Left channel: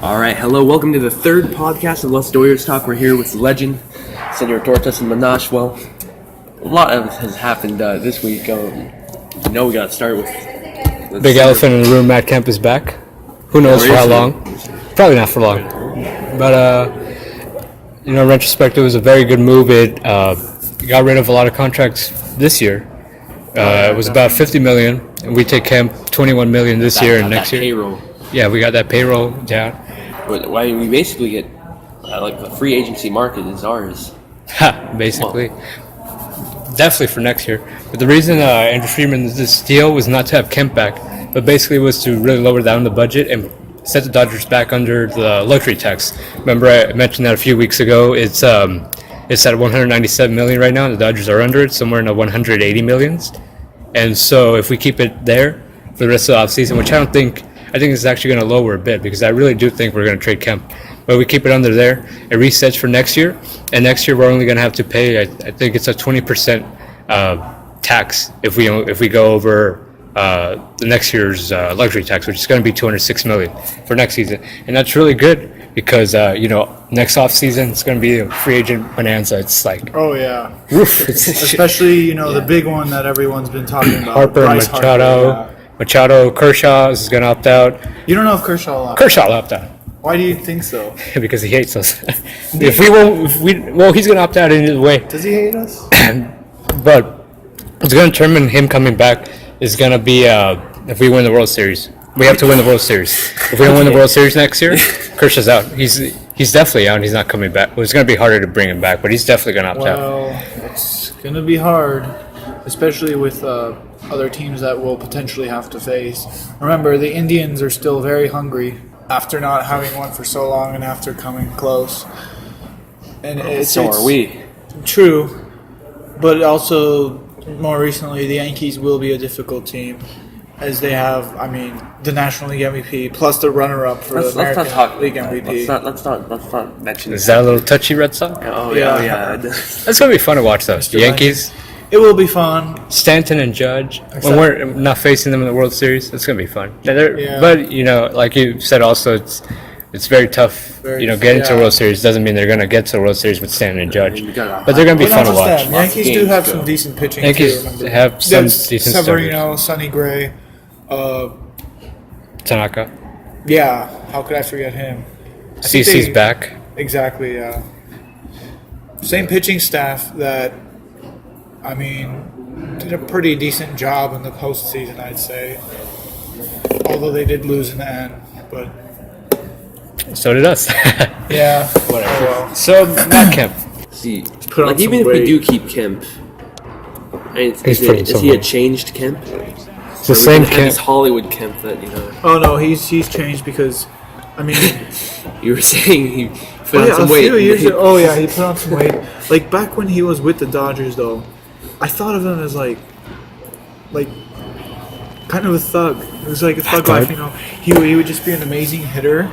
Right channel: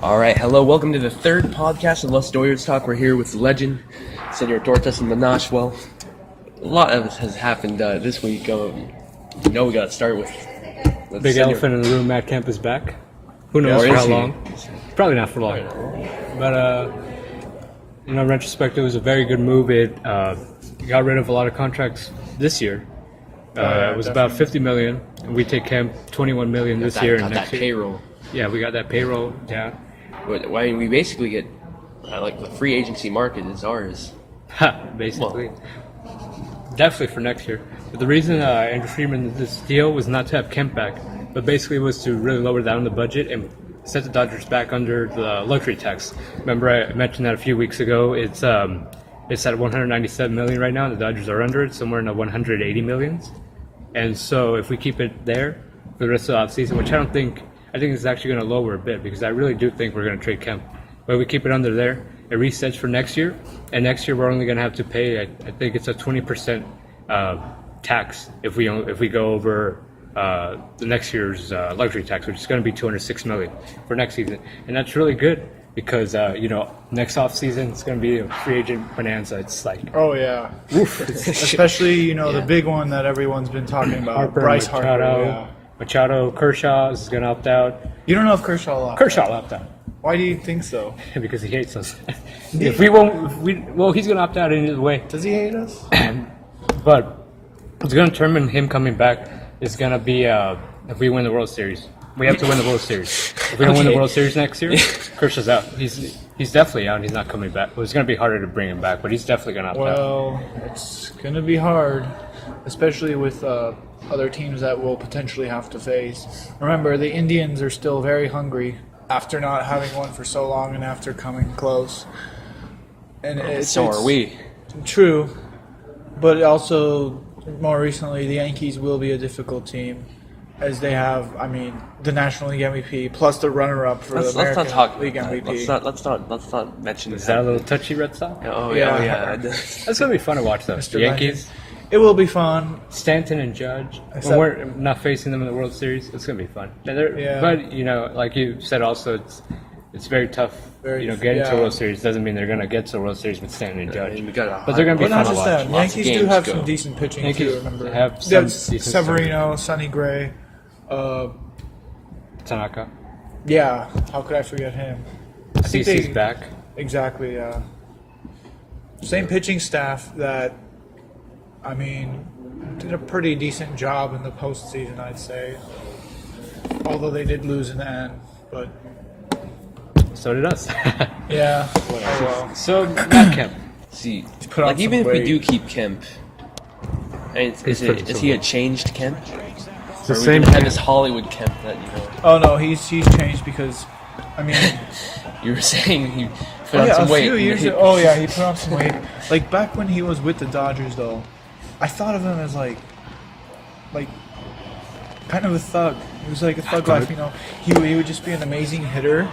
All right, hello, welcome to the third podcast of Los Doyers Talk. We're here with the legend, Senor Tortas and Manash. Well, a lot has happened this week. We got to start with... Big elephant in the room, Matt Kemp is back. Who knows for how long? Probably not for long. But, in retrospect, it was a very good move. It got rid of a lot of contracts this year. It was about $50 million, and we take Kemp $21 million this year and next year. Payroll. Yeah, we got that payroll down. Why we basically get the free agency market is ours. Basically. Definitely for next year. But the reason Andrew Friedman did this deal was not to have Kemp back, but basically was to really lower down the budget and set the Dodgers back under the luxury tax. Remember I mentioned that a few weeks ago. It's at $197 million right now, and the Dodgers are under it, somewhere in the $180 millions. And so if we keep it there for the rest of the offseason, which I think it's actually going to lower a bit, because I really do think we're going to trade Kemp. But we keep it under there. It resets for next year, and next year we're only going to have to pay. I think it's a 20% tax if we go over the next year's luxury tax, which is going to be $206 million for next season, and that's really good because next off season it's going to be a free agent bonanza. It's like especially the big one that everyone's been talking about. Harper and Machado. Machado, Kershaw is going to opt out. You don't know if Kershaw will opt out. Kershaw will opt out. Why do you think so? Because he hates us. He's going to opt out either way. Does he hate us? But what's going to determine him coming back is going to be if we win the World Series. We have to win the World Series. If we don't win the World Series next year, Kershaw's out. He's definitely out. He's not coming back. Well, it's going to be harder to bring him back, but he's definitely going to opt out. Well, it's going to be hard, especially with other teams that we'll potentially have to face. Remember, the Indians are still very hungry after not having won for so long and after coming close. And so are we. True, but also more recently, the Yankees will be a difficult team, as they have, the National League MVP plus the runner-up for the American League MVP. Let's not mention. Is that a little touchy, Red Sox? Oh yeah. That's gonna be fun to watch, though. The Yankees. It will be fun. Stanton and Judge. When we're not facing them in the World Series, it's gonna be fun. But like you said, also it's very tough. Getting to the World Series doesn't mean they're gonna get to the World Series with Stanton and Judge. But they're gonna be fun to watch. The Yankees do have some decent pitching. Yankees have some decent Severino, Sonny Gray, Tanaka. Yeah, how could I forget him? CC's back. Exactly. Yeah. Same pitching staff that. Did a pretty decent job in the postseason, I'd say. Although they did lose in the end, but so did us. Yeah. Whatever. Oh, well. So Matt Kemp. See, even if we do keep Kemp, is he a changed Kemp? It's the same Kemp. This Hollywood Kemp that Oh no, he's changed because, you were saying he put on some weight. He put on some weight. Like back when he was with the Dodgers, though. I thought of him as like kind of a thug. It was like a thug life, He would just be an amazing hitter.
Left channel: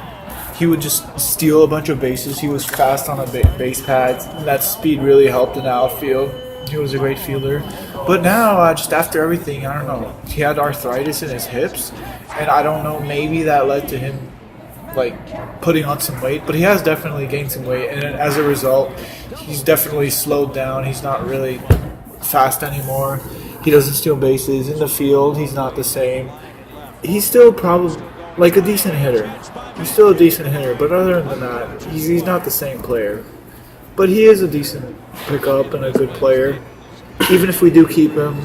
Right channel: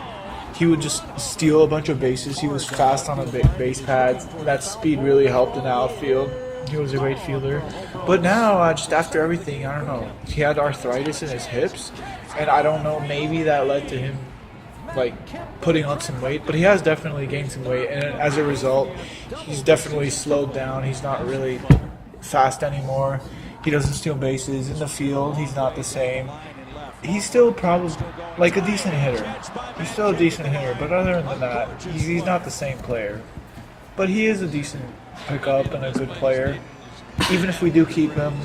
He would just steal a bunch of bases. He was fast on a base pad. That speed really helped in the outfield. He was a great fielder. But now, just after everything, I don't know. He had arthritis in his hips, and I don't know. Maybe that led to him putting on some weight. But he has definitely gained some weight, and as a result, he's definitely slowed down. He's not really fast anymore. He doesn't steal bases in the field. He's not the same. He's still probably a decent hitter. He's still a decent hitter, but other than that, he's not the same player. But he is a decent pickup and a good player. Even if we do keep him,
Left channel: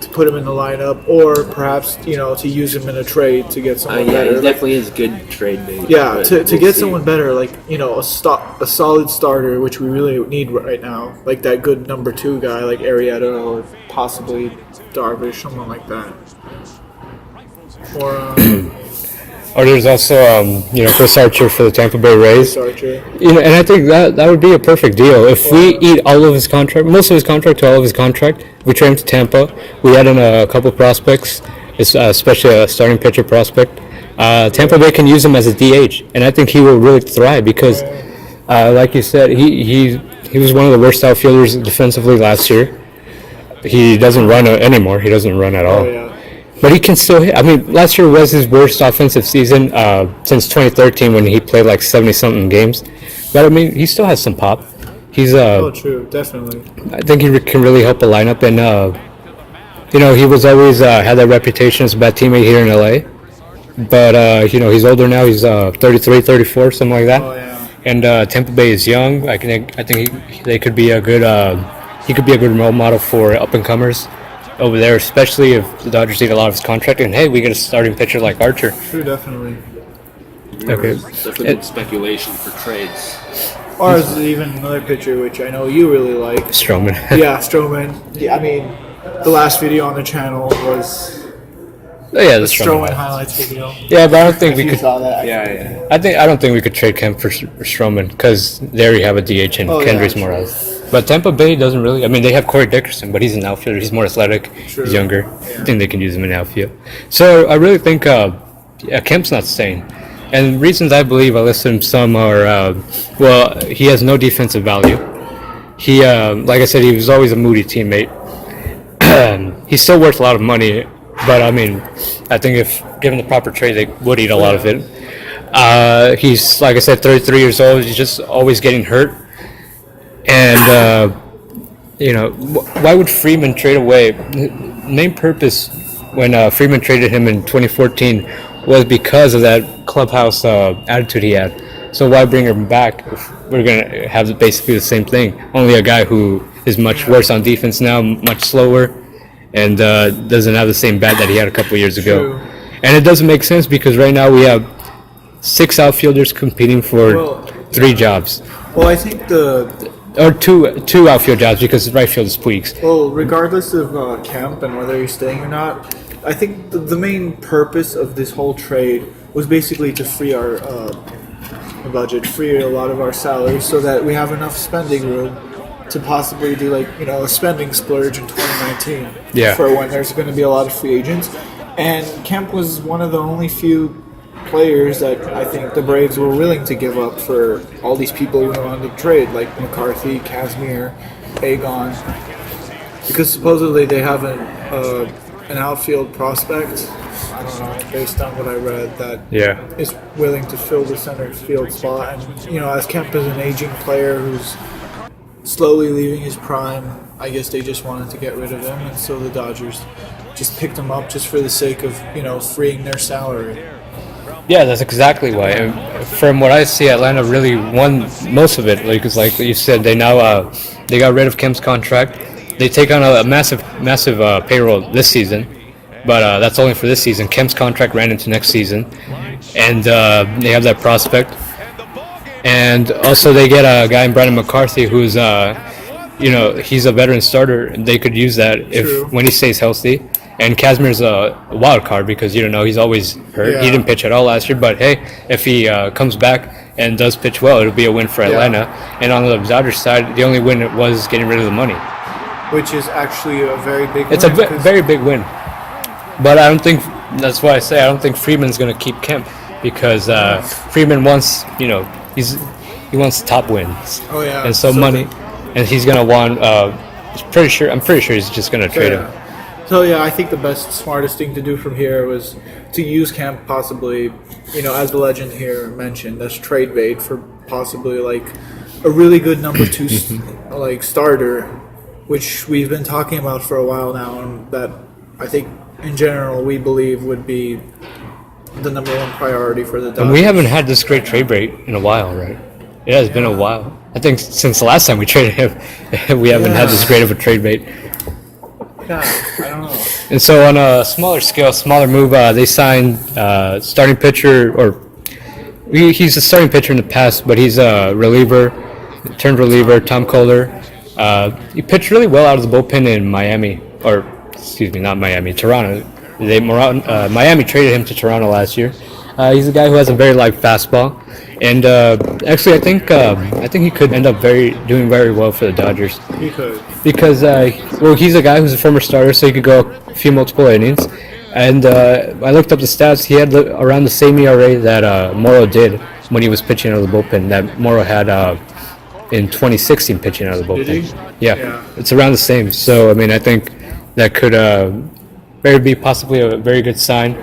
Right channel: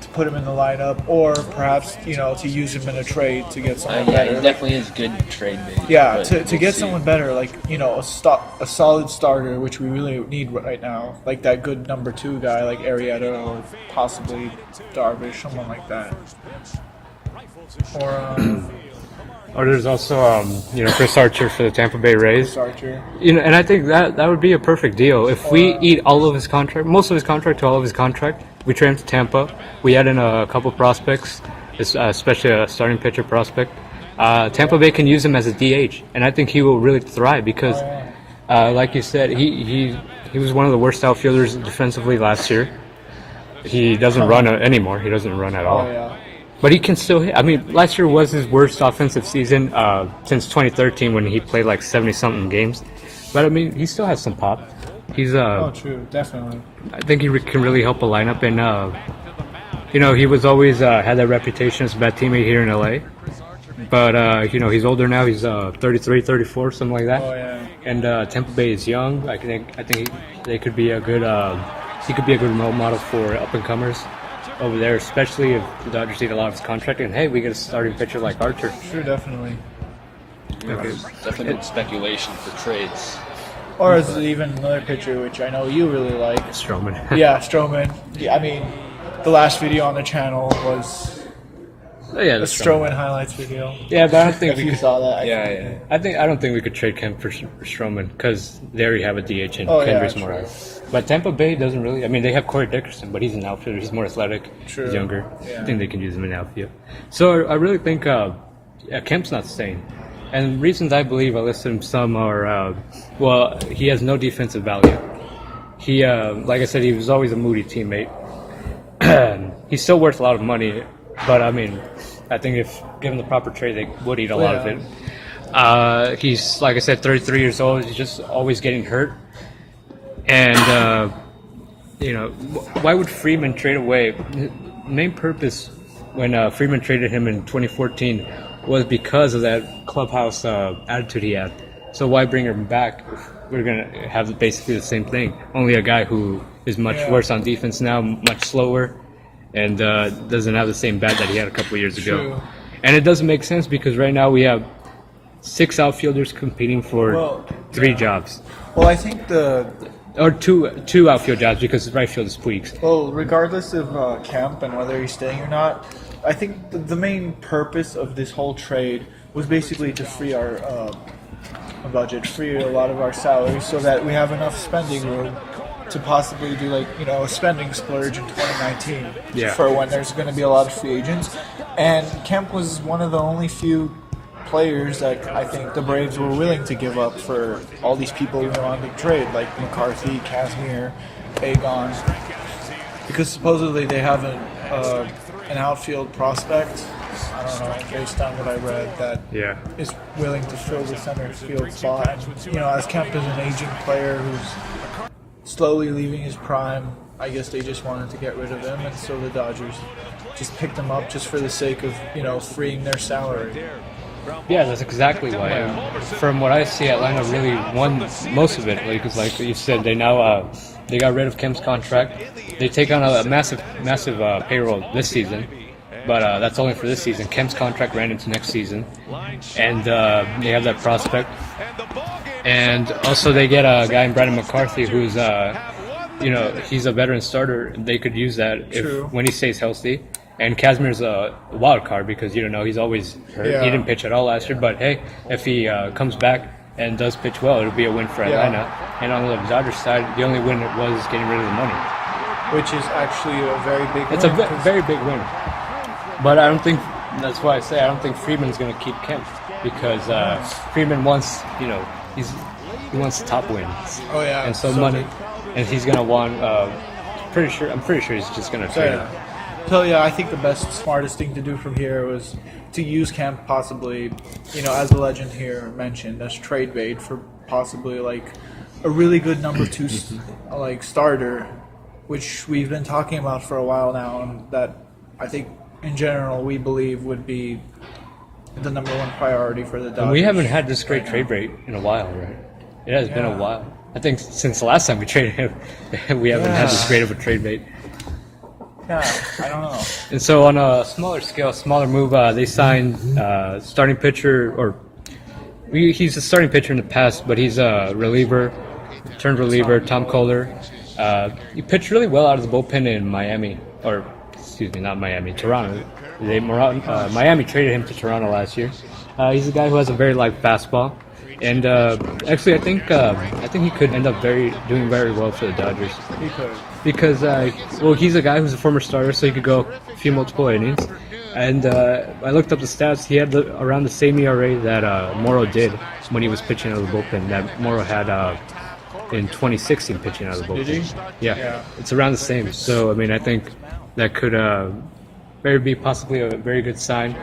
to put him in the lineup, or perhaps to use him in a trade to get someone better. He definitely is a good trade. Yeah, to get someone better, a solid starter, which we really need right now, like that good number 2 guy, like Arrieta or possibly Darvish, someone like that. Or there's also Chris Archer for the Tampa Bay Rays. Archer. And I think that would be a perfect deal. If we eat all of his contract, most of his contract to all of his contract, we trade him to Tampa. We add in a couple prospects, especially a starting pitcher prospect. Tampa Bay can use him as a DH, and I think he will really thrive because, like you said, he was one of the worst outfielders defensively last year. He doesn't run anymore. He doesn't run at all. But he can still hit. I mean, last year was his worst offensive season since 2013 when he played like 70-something games. But I mean, he still has some pop. He's true, definitely. I think he can really help a lineup, and he was always had that reputation as a bad teammate here in LA. But he's older now. He's 33, 34, something like that. Oh, yeah. And Tampa Bay is young. I think they could be a good. He could be a good role model for up and comers over there, especially if the Dodgers need a lot of his contract. And hey, we get a starting pitcher like Archer. True, definitely. Okay. Definitely speculation for trades. Or is it even another pitcher, which I know you really like? Stroman. Yeah, Stroman. Yeah, I mean, the last video on the channel was Oh, yeah, the that's Stroman highlights video. Yeah, but I don't think we You could. saw that? Yeah. I don't think we could trade Kemp for Stroman because they already have a DH in Kendrys true. Morales. But Tampa Bay doesn't really. I mean, they have Corey Dickerson, but he's an outfielder. He's more athletic. True. He's younger. Yeah. I think they can use him in outfield. So I really think Kemp's not staying. And reasons I believe I listed some are, he has no defensive value. He, like I said, he was always a moody teammate. He's still worth a lot of money, but I mean, I think if given the proper trade, they would eat a lot of it. He's, like I said, 33 years old. He's just always getting hurt. And, why would Freeman trade away? The main purpose when Freeman traded him in 2014 was because of that clubhouse attitude he had. So why bring him back if we're going to have basically the same thing? Only a guy who is much worse on defense now, much slower, and doesn't have the same bat that he had a couple years ago. True. And it doesn't make sense because right now we have 6 outfielders competing for 3 jobs. Well, I think Or two outfield jobs because right field is Puigs. Well, regardless of Kemp and whether he's staying or not, I think the main purpose of this whole trade was basically to free our budget, free a lot of our salaries, so that we have enough spending room to possibly do a spending splurge in 2019 Yeah. for when there's going to be a lot of free agents. And Kemp was one of the only few players that I think the Braves were willing to give up for all these people who were on the trade, like McCarthy, Kazmir, Agon, because supposedly they have an outfield prospect, I don't know, based on what I read, that is willing to fill the center field spot. And, as Kemp is an aging player who's slowly leaving his prime, I guess they just wanted to get rid of him, and so the Dodgers just picked him up just for the sake of, freeing their salary. Yeah, that's exactly why. And from what I see, Atlanta really won most of it. Because, like you said, they now they got rid of Kemp's contract. They take on a massive payroll this season, but that's only for this season. Kemp's contract ran into next season, and they have that prospect. And also, they get a guy in Brandon McCarthy who's he's a veteran starter. They could use that when he stays healthy. And Kazmir's a wild card because he's always hurt. Yeah. He didn't pitch at all last year, but hey, if he comes back and does pitch well, it'll be a win for Atlanta. And on the Dodgers side, the only win was getting rid of the money. Which is actually a very big It's win. a very big win. But I don't think, that's why I say I don't think Freeman's going to keep Kemp because Freeman wants, he wants top wins. Oh, yeah. And so money, and he's going to want, I'm pretty sure he's just going to trade him. So yeah, I think the best, smartest thing to do from here was to use Kemp possibly, as the legend here mentioned, as trade bait for possibly a really good number 2 starter, which we've been talking about for a while now, and that I think in general we believe would be the number 1 priority for the Dodgers. And we haven't had this great trade bait in a while, right? Yeah, it's been a while. I think since the last time we traded him, we haven't had this great of a trade bait. Yeah, I don't know. And so on a smaller scale, smaller move, they signed starting pitcher, or he's a starting pitcher in the past, but he's a reliever, turned reliever, Tom Kohler. He pitched really well out of the bullpen in Miami, or excuse me, not Miami, Toronto. Miami traded him to Toronto last year. He's a guy who has a very light fastball, and actually, I think he could end up doing very well for the Dodgers. He could. Because he's a guy who's a former starter, so he could go a few multiple innings. And I looked up the stats. He had around the same ERA that Morrow did when he was pitching out of the bullpen. That Morrow had in 2016 pitching out of the bullpen. Yeah, it's around the same. So I mean, I think that could Maybe possibly a very good sign.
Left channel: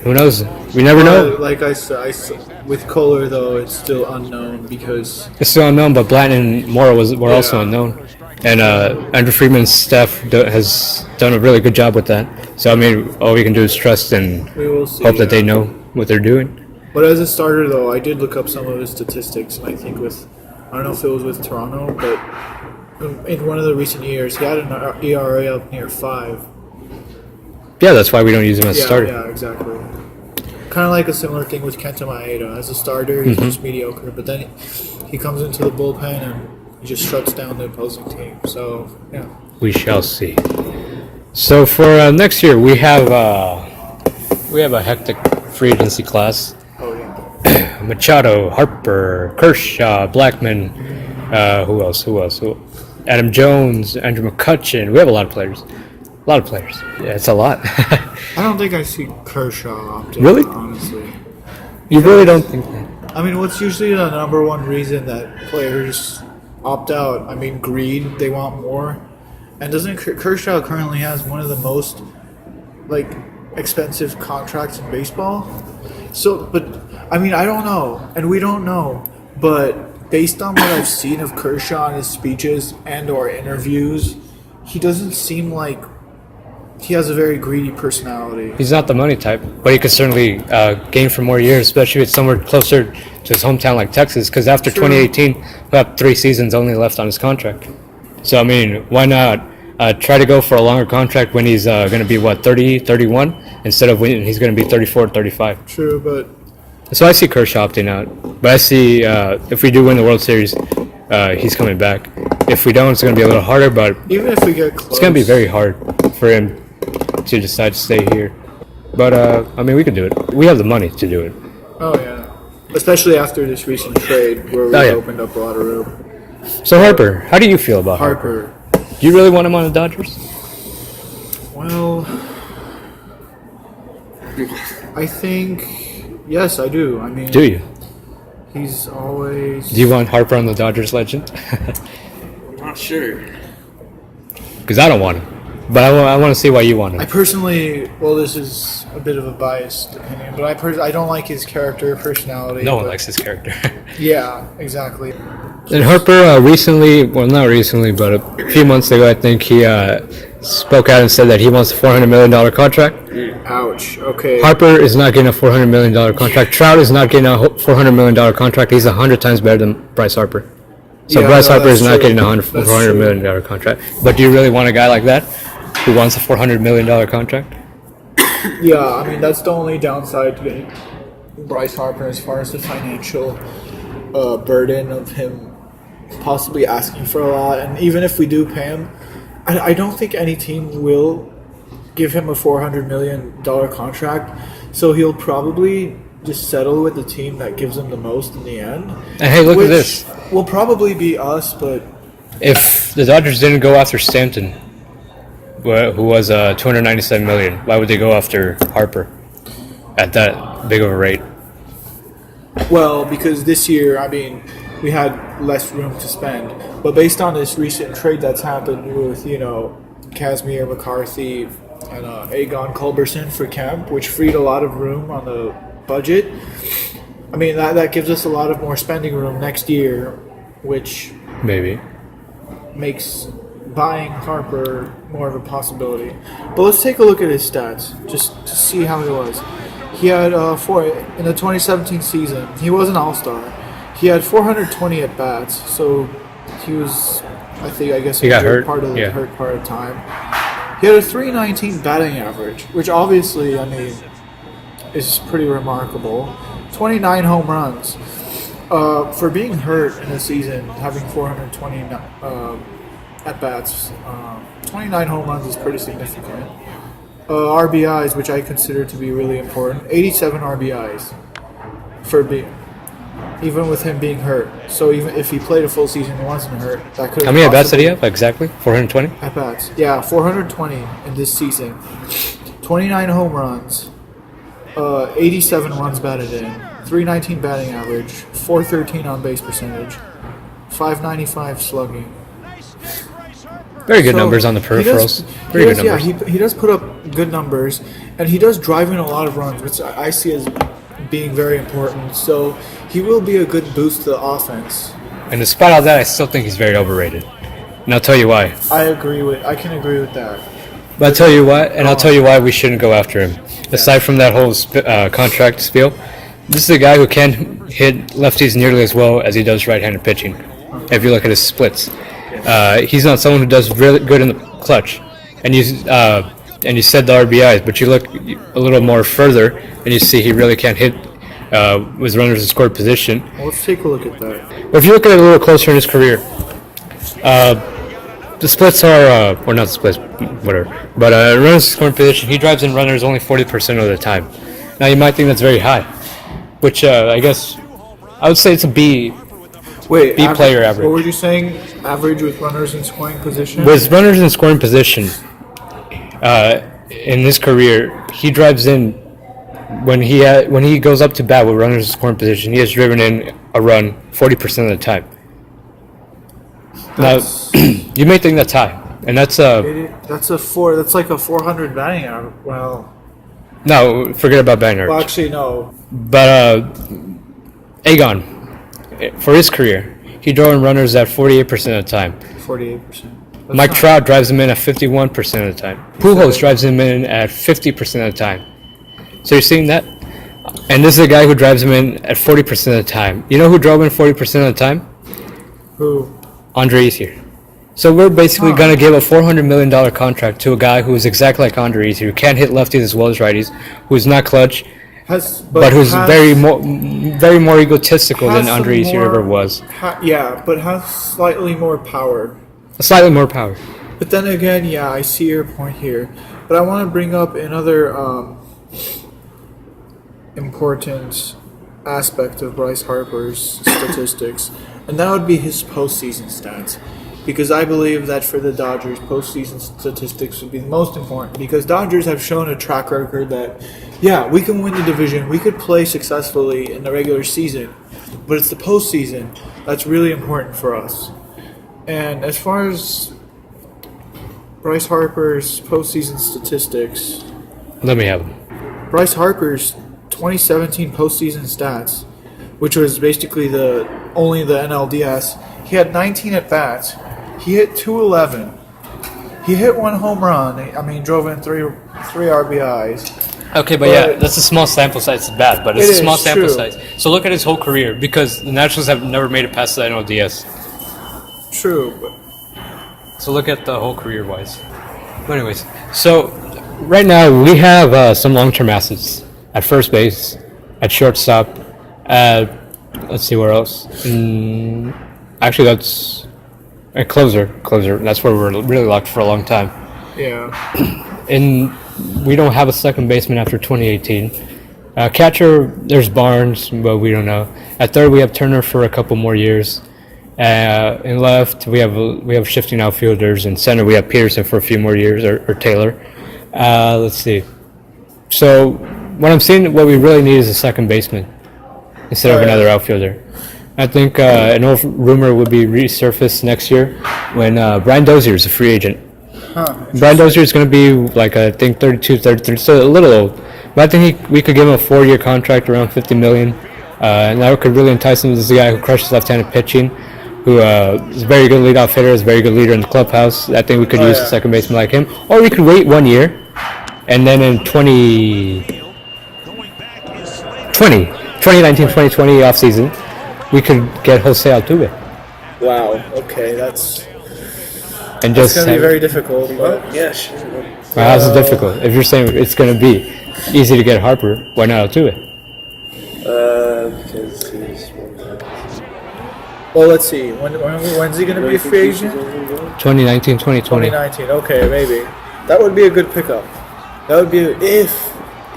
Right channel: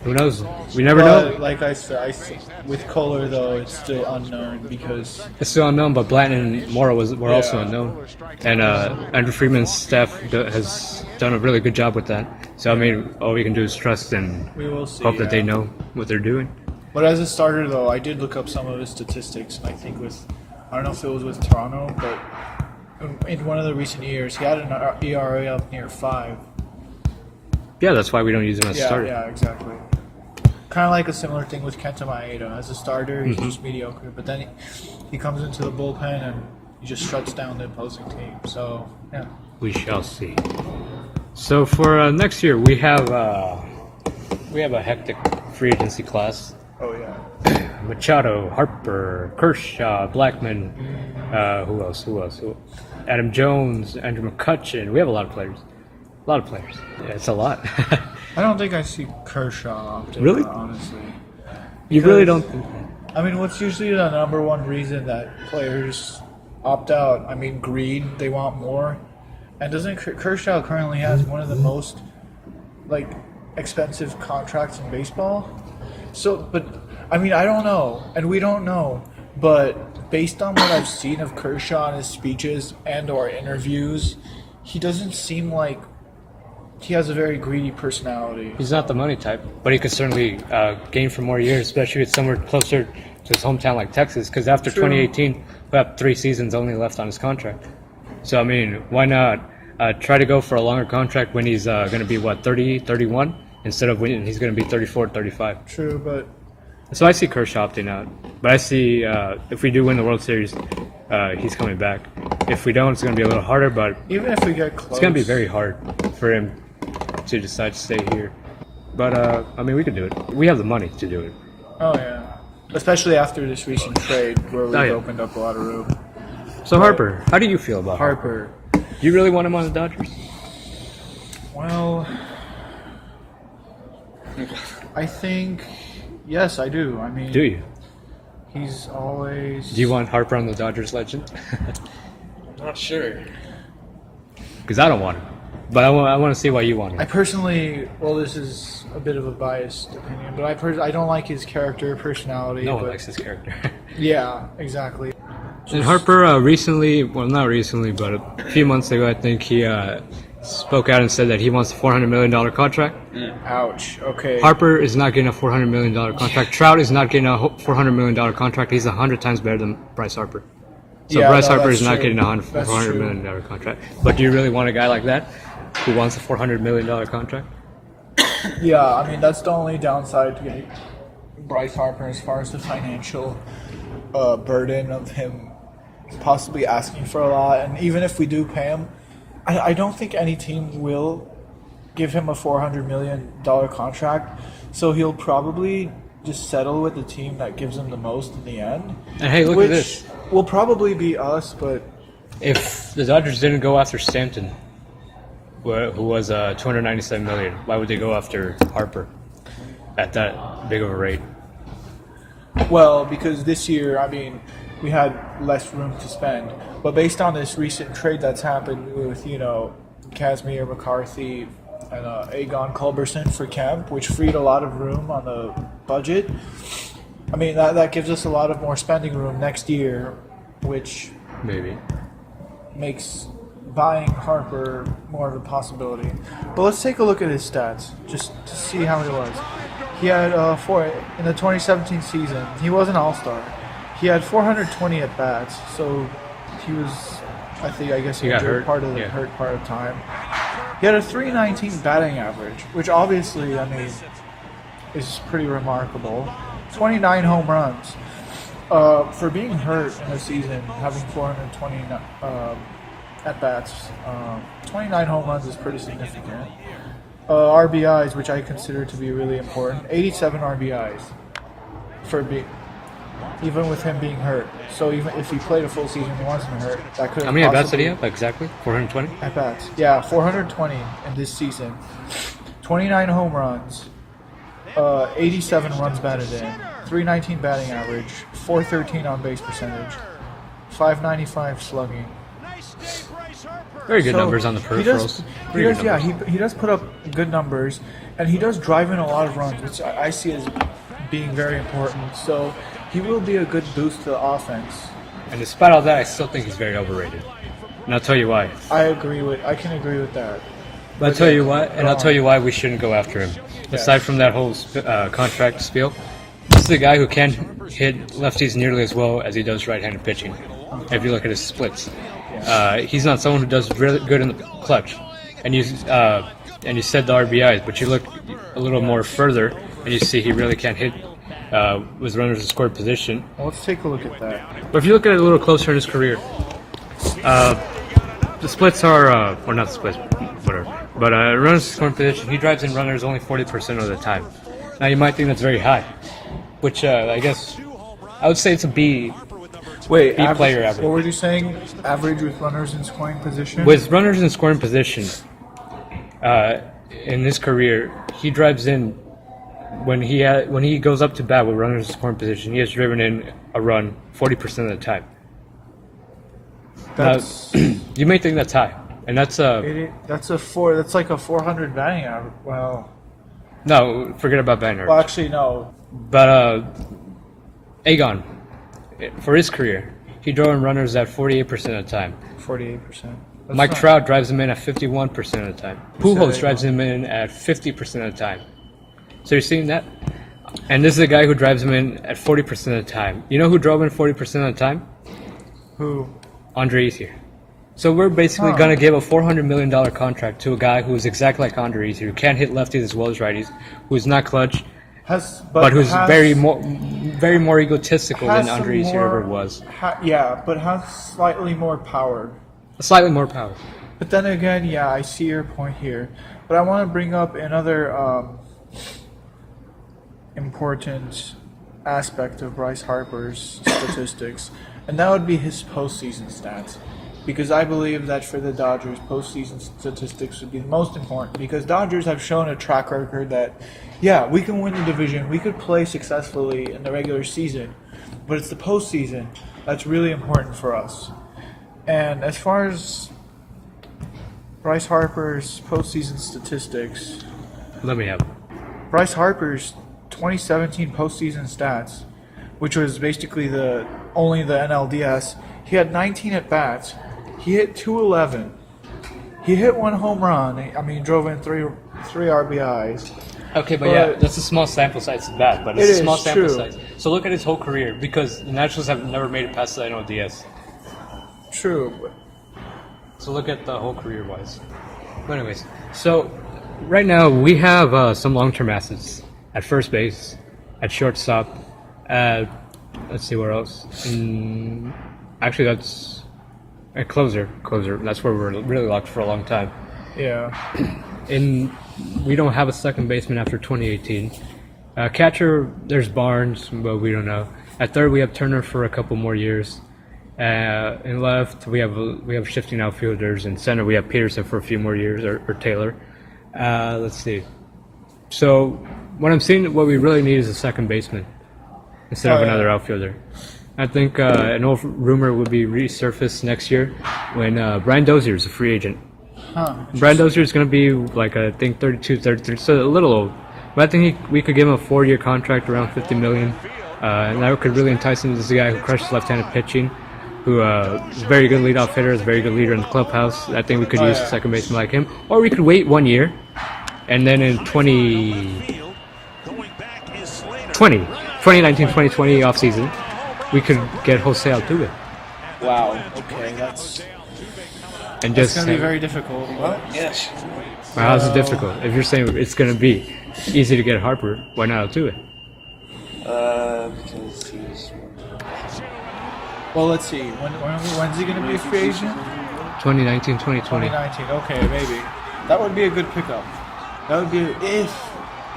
Who knows? We never know. Like I said, with Kohler though, it's still unknown because It's still unknown, but Blanton and Mora were also unknown. And Andrew Friedman's staff has done a really good job with that. So, I mean, all we can do is trust and we will see, hope that they know what they're doing. But as a starter though, I did look up some of his statistics, and I think I don't know if it was with Toronto, but in one of the recent years, he had an ERA up near 5. Yeah, that's why we don't use him as a starter. Yeah, exactly. Kind of like a similar thing with Kenta Maeda. As a starter, he's just mediocre, but then he comes into the bullpen and he just shuts down the opposing team. So, yeah. We shall see. So for next year, we have a hectic free agency class. Oh, yeah. Machado, Harper, Kershaw, Blackman, who else? Adam Jones, Andrew McCutchen. We have a lot of players. Yeah, it's a lot. I don't think I see Kershaw opting, Really? honestly. You really don't think that? I mean, what's usually the number one reason that players opt out? I mean, greed, they want more. And doesn't Kershaw currently has one of the most, expensive contracts in baseball? So, but, I mean, I don't know, and we don't know, but based on what I've seen of Kershaw in his speeches and or interviews, he doesn't seem like he has a very greedy personality. He's not the money type, but he could certainly gain for more years, especially if it's somewhere closer to his hometown like Texas, because after 2018, he'll have 3 seasons only left on his contract. So, I mean, why not try to go for a longer contract when he's going to be, 30, 31, instead of when he's going to be 34, 35. True, but... So I see Kershaw opting out, but I see if we do win the World Series, he's coming back. If we don't, it's going to be a little harder, but even if we get close, it's going to be very hard for him to decide to stay here. But, I mean, we can do it. We have the money to do it. Oh, yeah. Especially after this recent trade where we opened up a lot of room. So, Harper, how do you feel about Harper? Do you really want him on the Dodgers? Well, I think, yes, I do. I mean, do you? He's always... Do you want Harper on the Dodgers legend? I'm not sure. Because I don't want him. But I want to see why you want him. I personally, well, this is a bit of a biased opinion, but I don't like his character, personality. No one likes his character. Yeah, exactly. And Harper recently, well, not recently, but a few months ago, I think he spoke out and said that he wants a $400 million contract. Ouch, okay. Harper is not getting a $400 million contract. Trout is not getting a $400 million contract. He's 100 times better than Bryce Harper. So yeah, Bryce Harper is not getting a $400 million contract. But do you really want a guy like that who wants a $400 million contract? Yeah, I mean, that's the only downside to getting Bryce Harper as far as the financial burden of him possibly asking for a lot. And even if we do pay him, I don't think any team will give him a $400 million contract. So he'll probably just settle with the team that gives him the most in the end. And hey, look at this. Will probably be us, but... If the Dodgers didn't go after Stanton, who was $297 million, why would they go after Harper at that big of a rate? Well, because this year, I mean, we had less room to spend. But based on this recent trade that's happened with, Kazmir McCarthy and Aegon Culberson for Kemp, which freed a lot of room on the budget, I mean, that gives us a lot of more spending room next year, which maybe makes buying Harper more of a possibility. But let's take a look at his stats, just to see how he was. He had, in the 2017 season, he was an all-star. He had 420 at-bats, so he was, I guess, he got hurt part of the time. He had a .319 batting average, which obviously, I mean, is pretty remarkable. 29 home runs. For being hurt in a season, having 420 at-bats, 29 home runs is pretty significant. RBIs, which I consider to be really important, 87 RBIs even with him being hurt. So even if he played a full season, he wasn't hurt. That could. How many at-bats did he have exactly? 420? At-bats, yeah, 420 in this season. 29 home runs, 87 runs batted in, 319 batting average, 413 on base percentage, 595 slugging. Very good numbers on the peripherals. Pretty good numbers. Yeah, he does put up good numbers, and he does drive in a lot of runs, which I see as being very important. So he will be a good boost to the offense. And despite all that, I still think he's very overrated. And I'll tell you why. I can agree with that. But I'll tell you why, and I'll tell you why we shouldn't go after him. Aside from that whole contract spiel, this is a guy who can't hit lefties nearly as well as he does right-handed pitching. If you look at his splits, he's not someone who does really good in the clutch. And you said the RBIs, but you look a little more further, and you see he really can't hit with runners in scored position. Well, let's take a look at that. But if you look at it a little closer in his career, the splits are, or not the splits, whatever. But runners in scoring position, he drives in runners only 40% of the time. Now you might think that's very high, which I guess I would say it's a B. Wait, B player average. What were you saying? Average with runners in scoring position? With runners in scoring position, in his career, he drives in when he goes up to bat with runners in scoring position. He has driven in a run 40% of the time. Now, you may think that's high, and that's That's like a 400 batting average. Well, no, forget about batting average. well, actually, no. But Aegon, for his career, he drove in runners at 48% of the time. 48%. Mike Trout drives him in at 51% of the time. Pujols drives him in at 50% of the time. So you're seeing that? And this is a guy who drives him in at 40% of the time. You know who drove in 40% of the time? Who? Andre Ethier. So we're basically going to give a $400 million contract to a guy who is exactly like Andre Ethier, who can't hit lefties as well as righties, who's not clutch, but who's very more egotistical than Andre Ethier ever was. But has slightly more power. Slightly more power. But then again, yeah, I see your point here. But I want to bring up another important aspect of Bryce Harper's statistics, and that would be his postseason stats. Because I believe that for the Dodgers, postseason statistics would be the most important. Because Dodgers have shown a track record that, yeah, we can win the division, we could play successfully in the regular season, but it's the postseason that's really important for us. And as far as Bryce Harper's postseason statistics, Let me have him. Bryce Harper's 2017 postseason stats, which was basically only the NLDS, he had 19 at bats. He hit 211. He hit one home run. I mean, drove in three RBIs. Okay, but yeah, that's a small sample size. It's bad, but it's a small sample true. size. So look at his whole career, because the Nationals have never made it past the NLDS. True, but So look at the whole career-wise. But anyways, so right now we have some long-term assets at first base, at shortstop, let's see where else. Actually, that's a closer. That's where we're really locked for a long time. yeah. And we don't have a second baseman after 2018. Catcher, there's Barnes, but we don't know. At third, we have Turner for a couple more years. In left, we have shifting outfielders. In center, we have Peterson for a few more years, or Taylor. Let's see. So what I'm saying, what we really need is a second baseman instead of another outfielder. I think an old rumor would be resurfaced next year when Brian Dozier is a free agent. Brian Dozier is going to be like, I think, 32, 33, so a little old. But I think we could give him a 4-year contract around $50 million. And that could really entice him. This is a guy who crushes left-handed pitching, who is a very good leadoff hitter, is a very good leader in the clubhouse. I think we could use a second baseman like him. Or we could wait 1 year, and then in 2019-2020 offseason, we could get Jose Altuve. Wow. Okay, that's And going just to be very difficult. Well, yes. Well, that's difficult. If you're saying it's going to be easy to get Harper, why not Altuve? Because he's Well, let's see. When's he going to be a free agent? 2019-2020. 2019. Okay, maybe. That would be a good pickup. That would be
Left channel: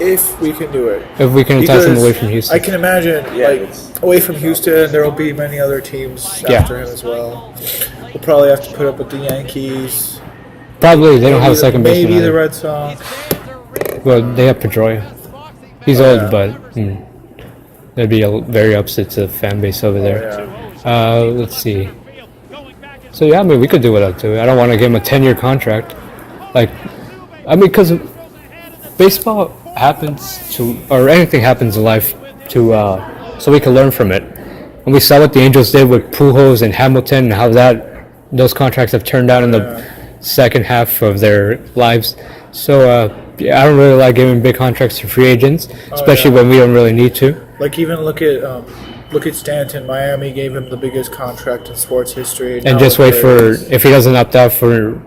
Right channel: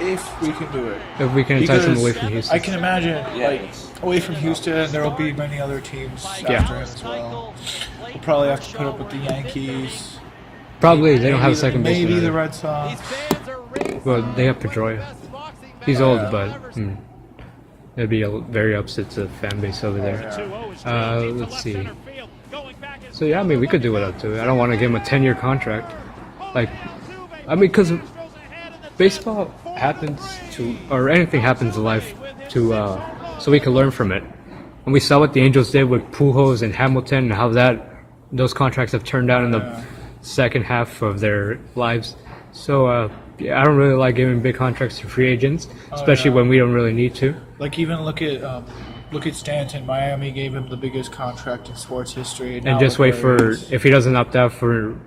if we can do it. If we can entice him away from Houston. I can imagine, away from Houston, there will be many other teams after him as well. We'll probably have to put up with the Yankees. Probably they don't have a second baseman. Maybe the either. Red Sox. Well, they have Pedroia. He's old, but that'd be very upset to the fan base over there. Let's see. So yeah, I mean, we could do without Altuve. I don't want to give him a 10-year contract. Because baseball happens or anything happens in life so we can learn from it. And we saw what the Angels did with Pujols and Hamilton and how those contracts have turned out in the second half of their lives. So I don't really like giving big contracts to free agents, especially when we don't really need to. Like even look at Stanton. Miami gave him the biggest contract in sports history. And just wait for, if he doesn't opt out from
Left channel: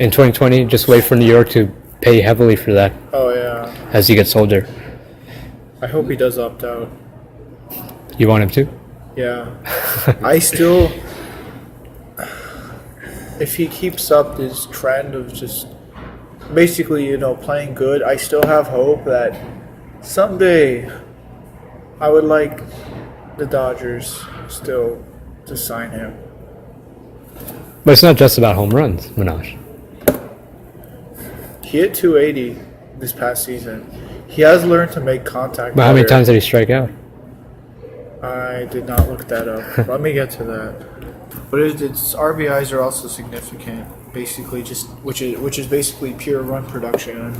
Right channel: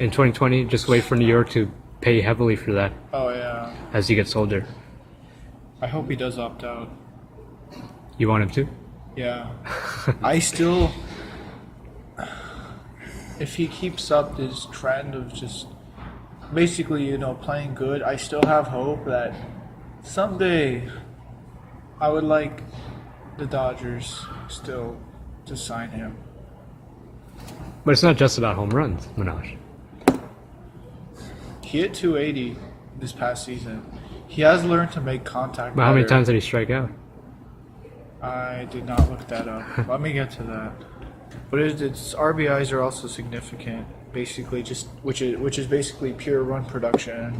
in 2020, just wait for New York to pay heavily for that. Oh yeah. As he gets older. I hope he does opt out. You want him to? Yeah. I still, if he keeps up this trend of just basically, playing good, I still have hope that someday I would like the Dodgers still to sign him. But it's not just about home runs, Minaj. He hit 280 this past season. He has learned to make contact. But how many times did he strike out? I did not look that up. Let me get to that. But its RBIs are also significant. Basically, which is basically pure run production.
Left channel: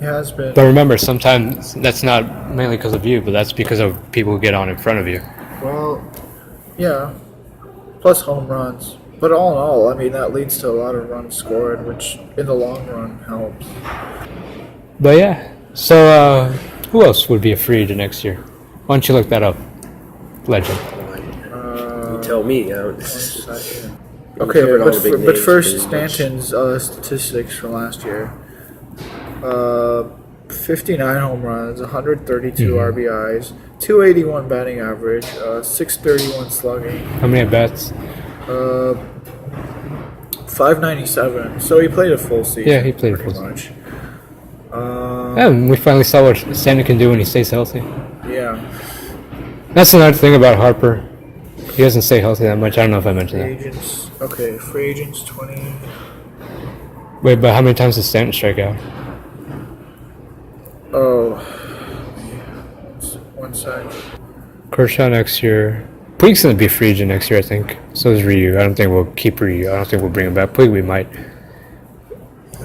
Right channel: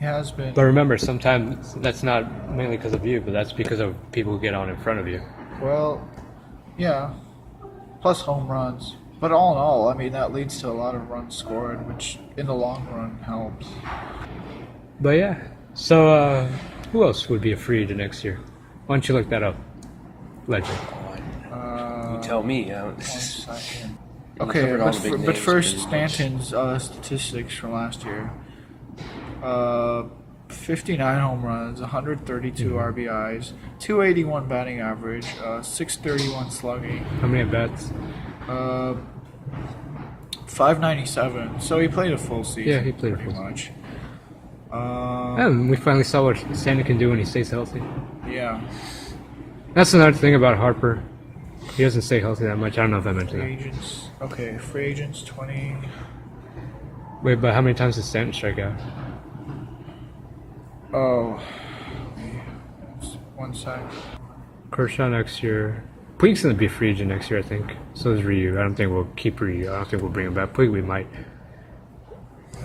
He has been. But remember, sometimes that's not mainly because of you, but that's because of people who get on in front of you. Well, yeah. Plus home runs. But all in all, I mean, that leads to a lot of runs scored, which in the long run helps. But yeah. So who else would be a free agent next year? Why don't you look that up, Legend? You tell me. Okay, but first, Stanton's statistics from last year. 59 home runs, 132 RBIs, 281 batting average, 631 slugging. How many at-bats? 597. So he played a full season. Yeah, he played a full season. Yeah, we finally saw what Stanton can do when he stays healthy. Yeah. That's another thing about Harper. He doesn't stay healthy that much. I don't know if I mentioned that. Agents. Okay, free agents 20. Wait, but how many times did Stanton strike out? Oh. 1 second. Kershaw next year. Puig's going to be a free agent next year, I think. So is Ryu. I don't think we'll keep Ryu. I don't think we'll bring him back. Puig, we might.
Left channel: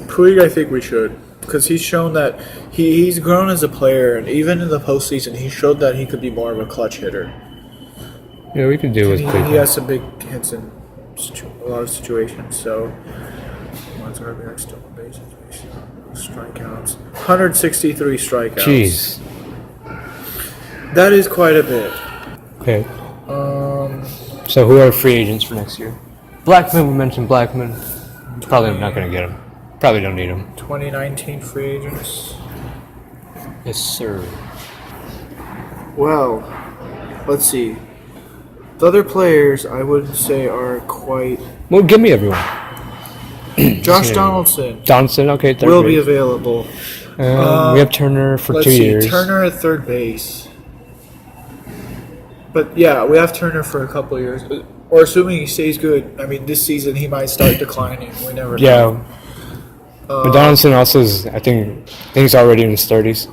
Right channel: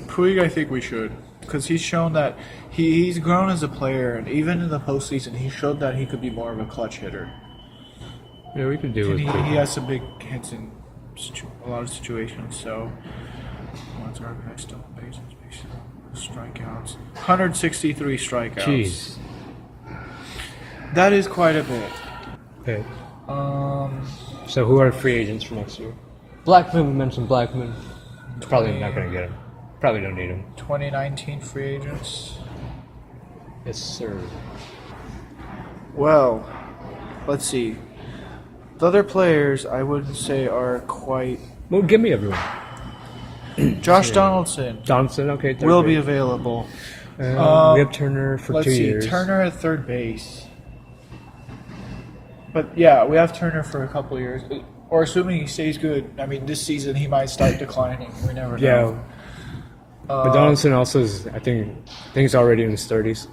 Puig, I think we should. Because he's shown that he's grown as a player. And even in the postseason, he showed that he could be more of a clutch hitter. Yeah, we could do with Puig. He has some big hits in a lot of situations. So, one's RBI, stolen bases, strikeouts. 163 strikeouts. Jeez. That is quite a bit. Okay. So who are free agents for next year? Blackman, we mentioned Blackman. Probably not going to get him. Probably don't need him. 2019 free agents. Yes, sir. Well, let's see. The other players I would say are quite. Well, give me everyone. Josh Donaldson. Donaldson, okay. Third will base. be available. We have Turner for let's 2 see, years. Turner at third base. But yeah, we have Turner for a couple of years. Or assuming he stays good. I mean, this season he might start declining. We never know. Yeah. But Donaldson also is, I think he's already in his 30s.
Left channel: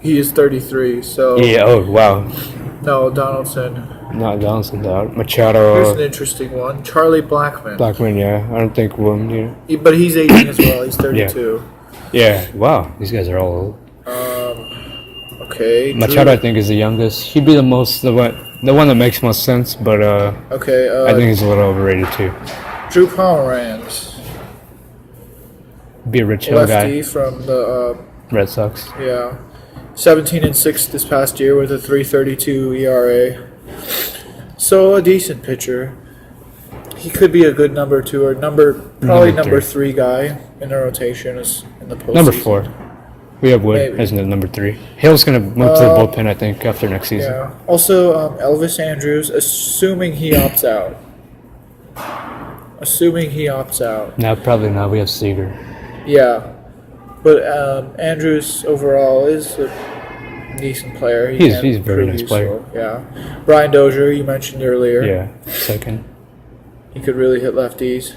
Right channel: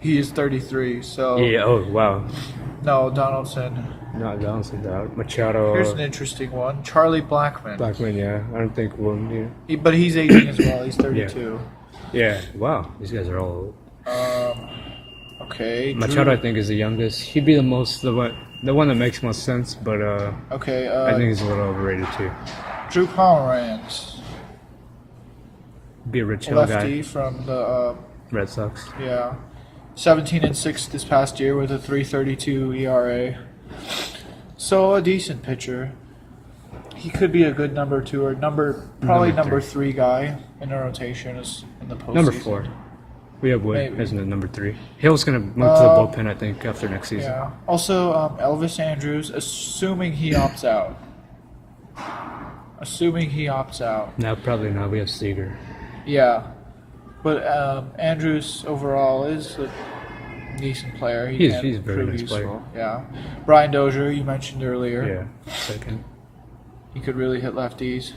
He is 33, so. Yeah, oh, wow. No, Donaldson. Not Donaldson, Machado. Here's an interesting one. Charlie Blackmon. Blackman, yeah. I don't think we'll need him. But he's aging as well. He's 32. Yeah, wow. These guys are all old. Okay. Machado, I think, is the youngest. He'd be the one that makes most sense, but okay. I think he's a little overrated too. Drew Pomeranz. Be a rich hill guy. Lefty from the Red Sox. Yeah, 17-6 this past year with a 3.32 ERA. So a decent pitcher. He could be a good number 2 or probably number 3 guy in the rotation in the postseason. Number 4. We have Wood Maybe. as the number 3. Hill's gonna move to the bullpen, I think, after next season. Yeah. Also, Elvis Andrews, assuming he opts out. No, probably not. We have Seager. Yeah, but Andrews overall is a decent player. He's a very nice player. Yeah. Brian Dozier, you mentioned earlier. Yeah, second. He could really hit lefties.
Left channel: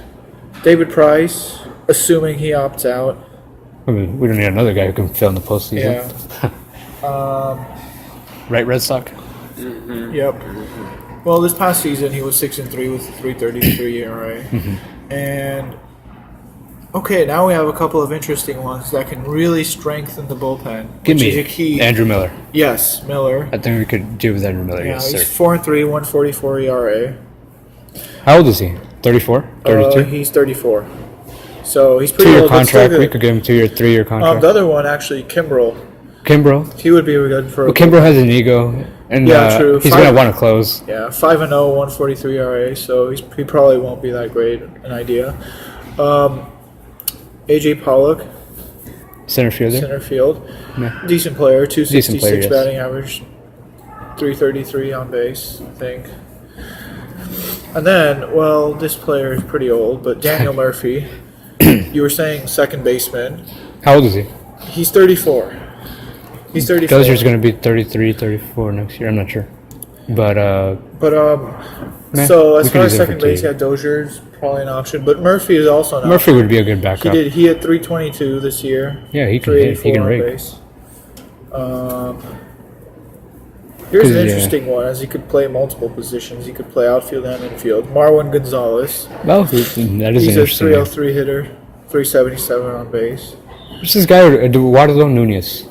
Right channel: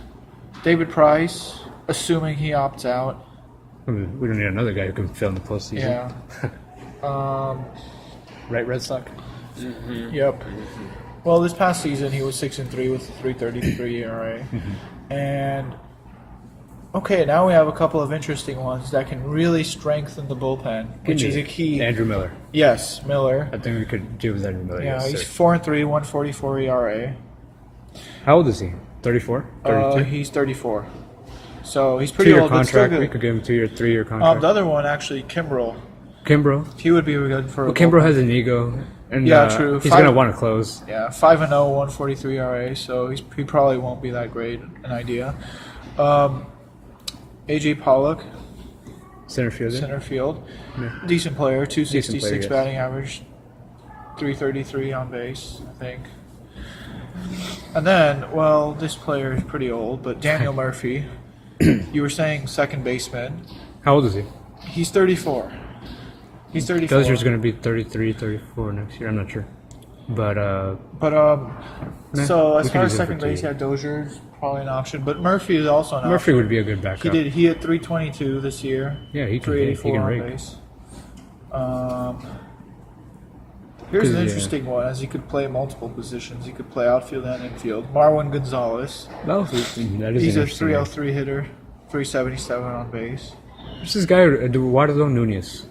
David Price, assuming he opts out. I mean, we don't need another guy who can fill in the postseason. Yeah. Right, Red Sox? Mm-hmm. Yep. Well, this past season he was 6-3 with a 3.33 ERA, and Okay, now we have a couple of interesting ones that can really strengthen the bullpen. Give which me is a key. Andrew Miller. Yes, Miller. I think we could do with Andrew Miller. Yeah, Yes, he's sir. 4-3, 144 ERA. How old is he? 34? 32? He's 34. So he's pretty 2-year old. but still contract. good. We could give him 2-year, 3-year contract. The other one, actually, Kimbrel. Kimbrough. He would be good for. Well, Kimbrough has an ego, and Yeah, true. he's gonna want to close. Yeah, 5-0, 143 ERA. So he probably won't be that great an idea. AJ Pollock, Center fielder. center field, Yeah. decent player. 266 Decent player, yes. batting average, 333 on base, I think. And then, well, this player is pretty old, but Daniel Murphy. You were saying second baseman. How old is he? He's 34. He's 34. Dozier's gonna be 33, 34 next year. I'm not sure, but Meh, So we as could far use as him for second 2 base, years. yeah, Dozier's probably an option, but Murphy is also an Murphy option. would be a good backup. He had 322 this year. Yeah, he can hit. He 384 can on rake. base. Here's an 'Cause, yeah. interesting one, as he could play multiple positions. He could play outfield and infield. Marwin Gonzalez. Oh, that is an He's a interesting name. 303 hitter, 377 on base. What's this guy, Eduardo Nunez?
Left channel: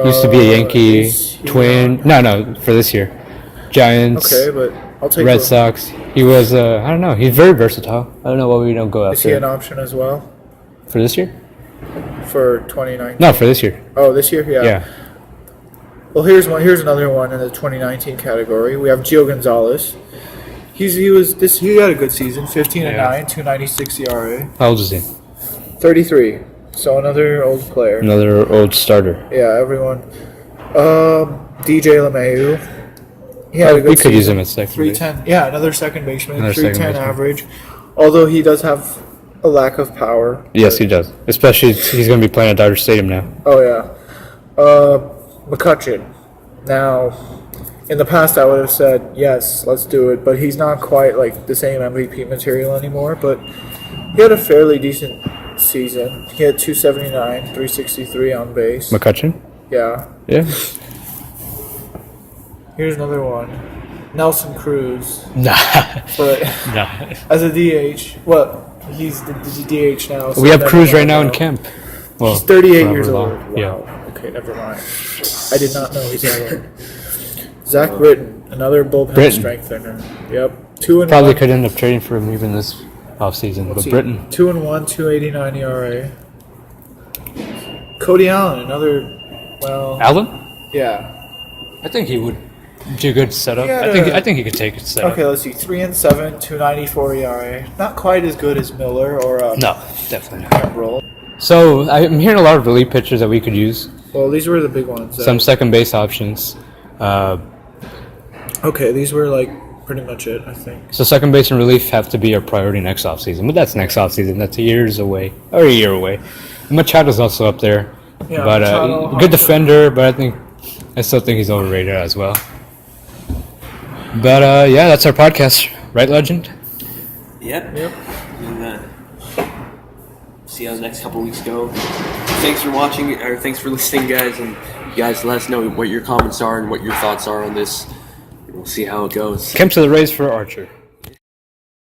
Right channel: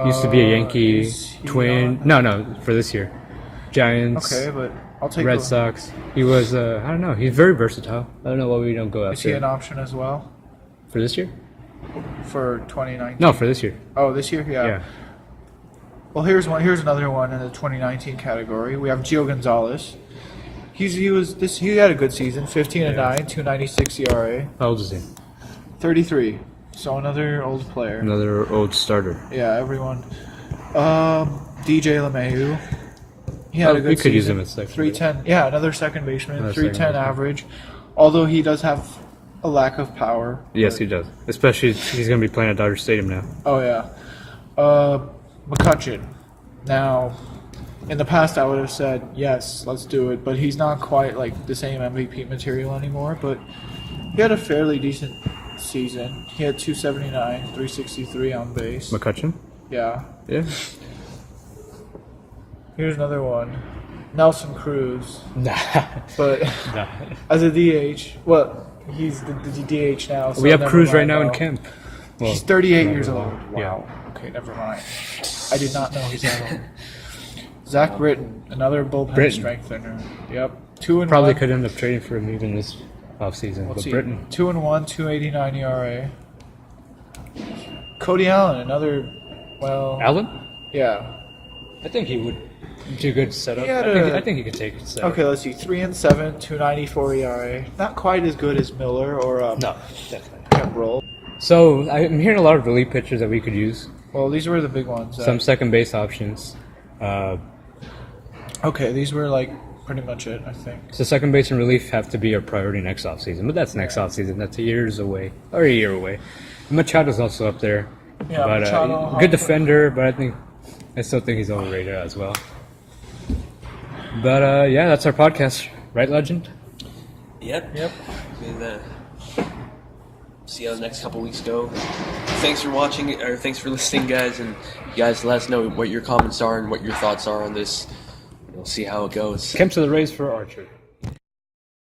He used to be a Yankee he's Twin. not- No, for this year. Giants, Okay, but I'll take Red a- Sox. He was, I don't know. He's very versatile. I don't know why we don't go Is he an after option as well for this year. for 2019? No, for this year. Oh, this year? Yeah. Well, here's another one in the 2019 category. We have Gio Gonzalez. He had a good season, 15-9, 296 ERA, How old is he? 33. So another old player. Another old starter. Yeah, everyone. DJ LeMahieu. He had a good We could use season. him at second base. 310. Yeah, another second baseman. Another second 310 baseman. average. Although he does have a lack of power. Yes, but- he does. Especially he's going to be playing at Dodger Stadium now. Oh yeah. McCutcheon. Now, in the past I would have said yes, let's do it, but he's not quite like the same MVP material anymore. But he had a fairly decent season. He had 279, 363 on base. McCutcheon? Yeah. Yeah. Here's another one. Nelson Cruz. Nah. But Nah. as a DH, he's the DH now. So We have never Cruz right mind now in though. Kemp. Well, He's 38 for years however old. long. Wow. Okay, never mind. I did not know he's that old. Zach Britton, another bullpen Britton. strengthener. Yep. 2-1. Probably could end up trading for him even this offseason. Let's But see. Britton. 2-1, 289 ERA. Cody Allen, another. Well, Allen? yeah. I think he would do a good setup. Yeah, I think he could take a setup. Okay, let's see. 3-7, 294 ERA. Not quite as good as Miller or No, definitely not. Kimbrel. So I'm hearing a lot of relief pitchers that we could use. Well, these were the big ones. Some second base options. Okay, these were like pretty much it, I think. So second base and relief have to be our priority next offseason. But that's next offseason. That's a year away. Machado's also up there. Yeah, But Machado, good Harper. defender, but I still think he's overrated as well. But yeah, that's our podcast, right, Legend? Yep. Yep. And see how the next couple weeks go. Thanks for watching, or thanks for listening, guys. And you guys let us know what your comments are and what your thoughts are on this. We'll see how it goes. Kemp to the Rays for Archer.